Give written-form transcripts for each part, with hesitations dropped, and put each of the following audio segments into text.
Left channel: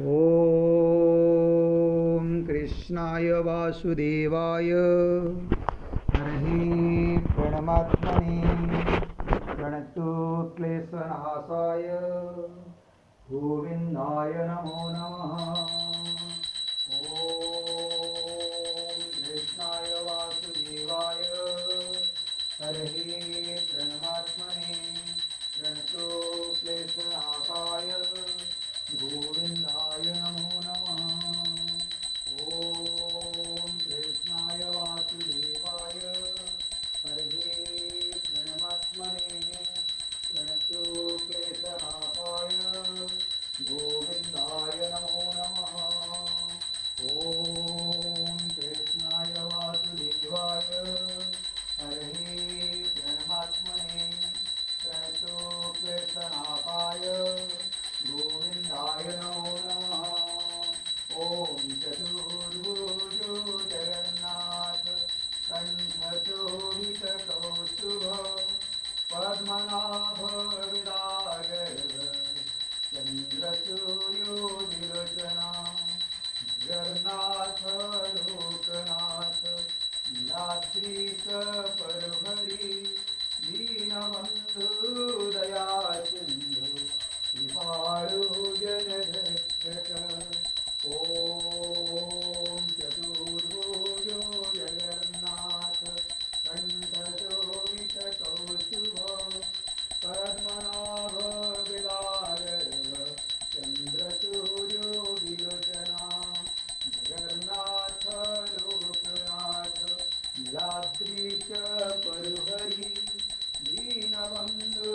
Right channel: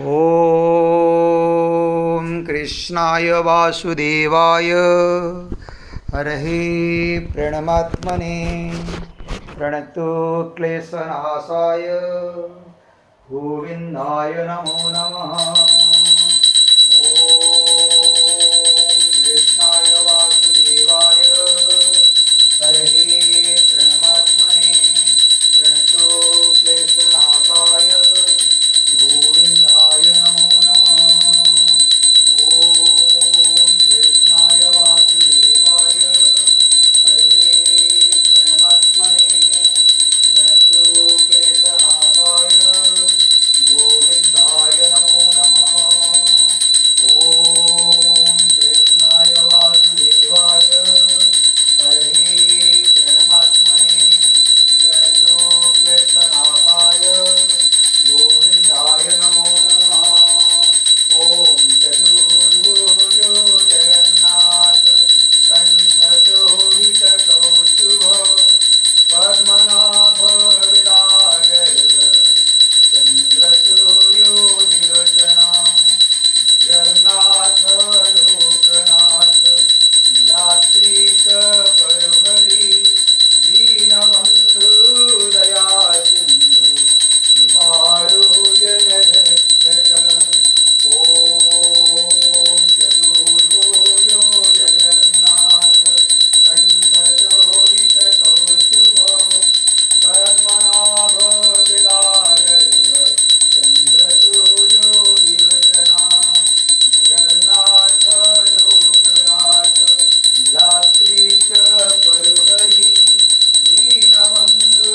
ॐ कृष्णाय वासुदेवाय हरहि प्रणमात्मने प्रणतो क्लेशनाशाय गोविन्दाय नमो नमः। ॐ कृष्णाय वासुदेवाय हरहि प्रणमात्मने प्रणतो क्लेशनाशाय गोविन्दाय नमो नमः। ॐ कृष्णाय वासुदेवाय हरहि प्रणमात्मने प्रणतो क्लेशनाशाय गोविन्दाय नमो नमः। ॐ कृष्णाय वासुदेवाय हरहि प्रणमात्मने प्रणतो क्लेशनाशाय गोविन्दाय नमो नमः। ॐ चतुर्भुजो जगन्नाथ कण्ठशोभितकौस्तुभ पद्मनाभ विरागर्भ चन्द्रसूर्योदिलोचना जगन्नाथ लोकनाथ दात्रीश परहरि दीनबन्धु दया सिन्धु कृपाळु जनरक्षक। ॐ चतुर्भुजो जगन्नाथ कण्ठशोभितकौस्तुभ पद्मनाभ विरागर्भ चन्द्रसूर्योदिलोचना जगन्नाथ लोकनाथ नीलाद्रीश परहरि दीनबन्धु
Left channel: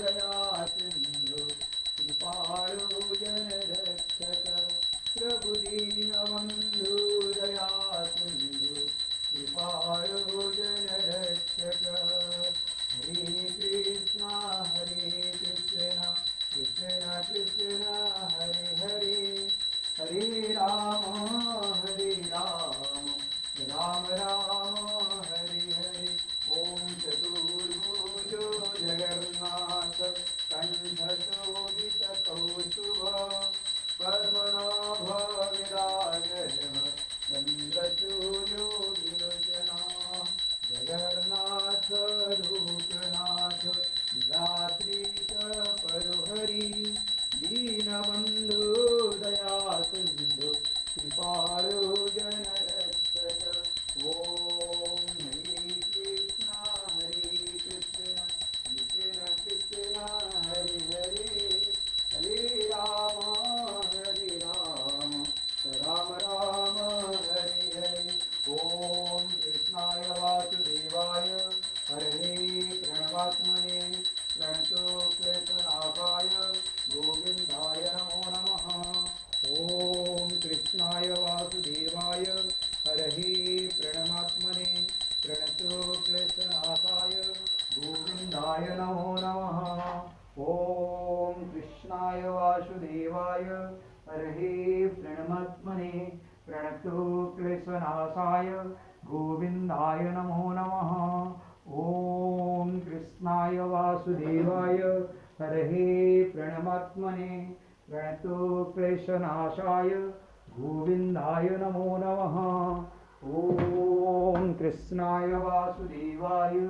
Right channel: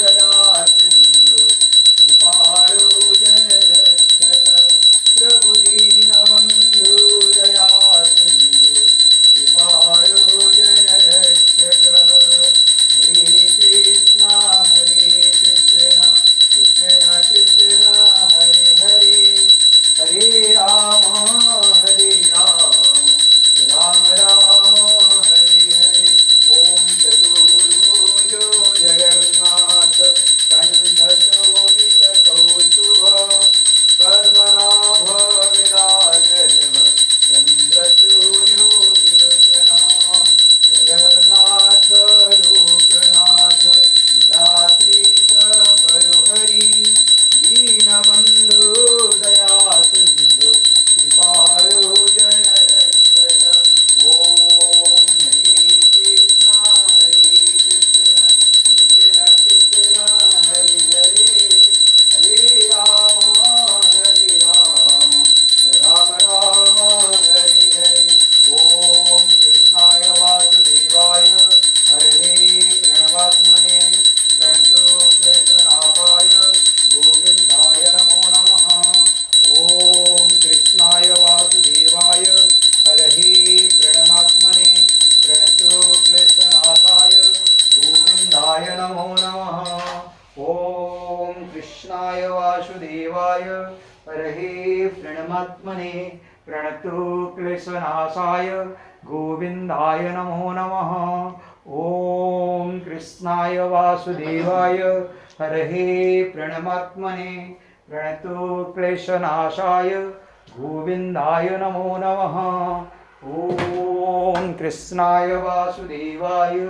दया सिन्धु कृपाळु जनरक्षक। प्रभु दीनबन्धु दया सिन्धु कृपाळु जनरक्षक। हरे कृष्ण कृष्ण कृष्ण हरे हरे हरे राम राम राम हरे हरे। ॐ चतुर्भुजो जगन्नाथ कण्ठशोभितकौस्तुभ पद्मनाभ विरागर्भ चन्द्रसूर्योदिलोचना जगन्नाथ लोकनाथ नीलाद्रीश परहरि दीनबन्धु दया सिन्धु कृपाळु जनरक्षक। ॐ हरे कृष्ण कृष्ण कृष्ण हरे हरे हरे राम राम राम हरे हरे। ॐ कृष्णाय वासुदेवाय हरहि प्रणमात्मने प्रणतो क्लेशनाशाय गोविन्दाय नमो नमः। ॐ कृष्णाय वासुदेवाय हरहि प्रणमात्मने प्रणतो क्लेशनाशाय गोविन्दाय नमो नमः। ॐ कृष्णाय वासुदेवाय हरहि प्रणमात्मने प्रणतो क्लेशनाशाय गोविन्दाय नमो नमः। ॐ कृष्णाय वासुदेवाय हरहि प्रणमात्मने प्रणतो क्लेशनाशाय गोविन्दाय नमो नमः। ॐ कृष्णाय वासुदेवाय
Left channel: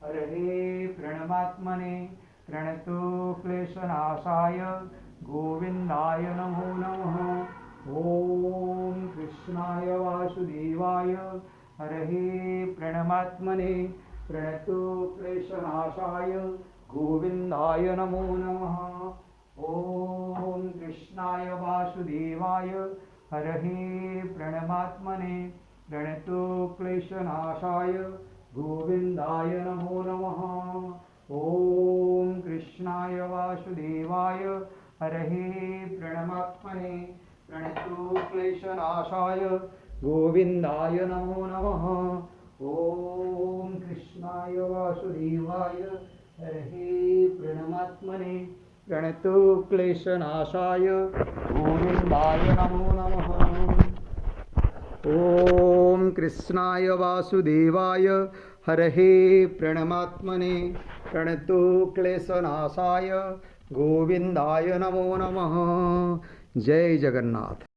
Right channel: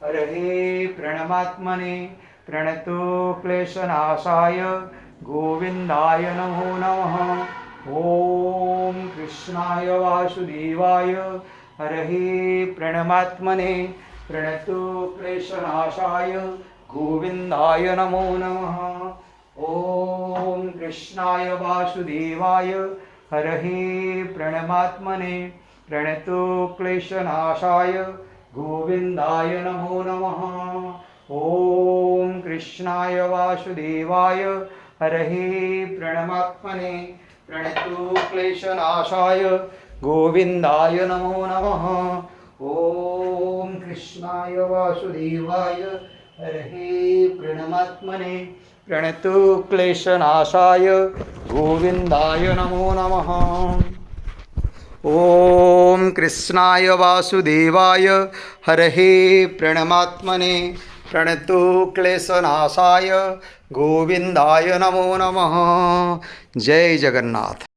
हरहि प्रणमात्मने प्रणतो क्लेशनाशाय गोविन्दाय नमो नमः। ॐ कृष्णाय वासुदेवाय हरहि प्रणमात्मने प्रणतो क्लेशनाशाय गोविन्दाय नमो नमः। ॐ कृष्णाय वासुदेवाय हरहि प्रणमात्मने प्रणतो क्लेशनाशाय गोविन्दाय नमो नमः। ॐ कृष्णाय वासुदेवाय हरहि प्रणमात्मने प्रणतो क्लेशनाशाय गोविन्दाय नमो नमः। ॐ कृष्णाय वासुदेवाय हरहि प्रणमात्मने प्रणतो क्लेशनाशाय गोविन्दाय नमो नमः। ॐ कृष्णाय वासुदेवाय हरहि प्रणमात्मने प्रणतु क्लेशनाशाय गोविंदाय नमो नमः। जय जगन्नाथ।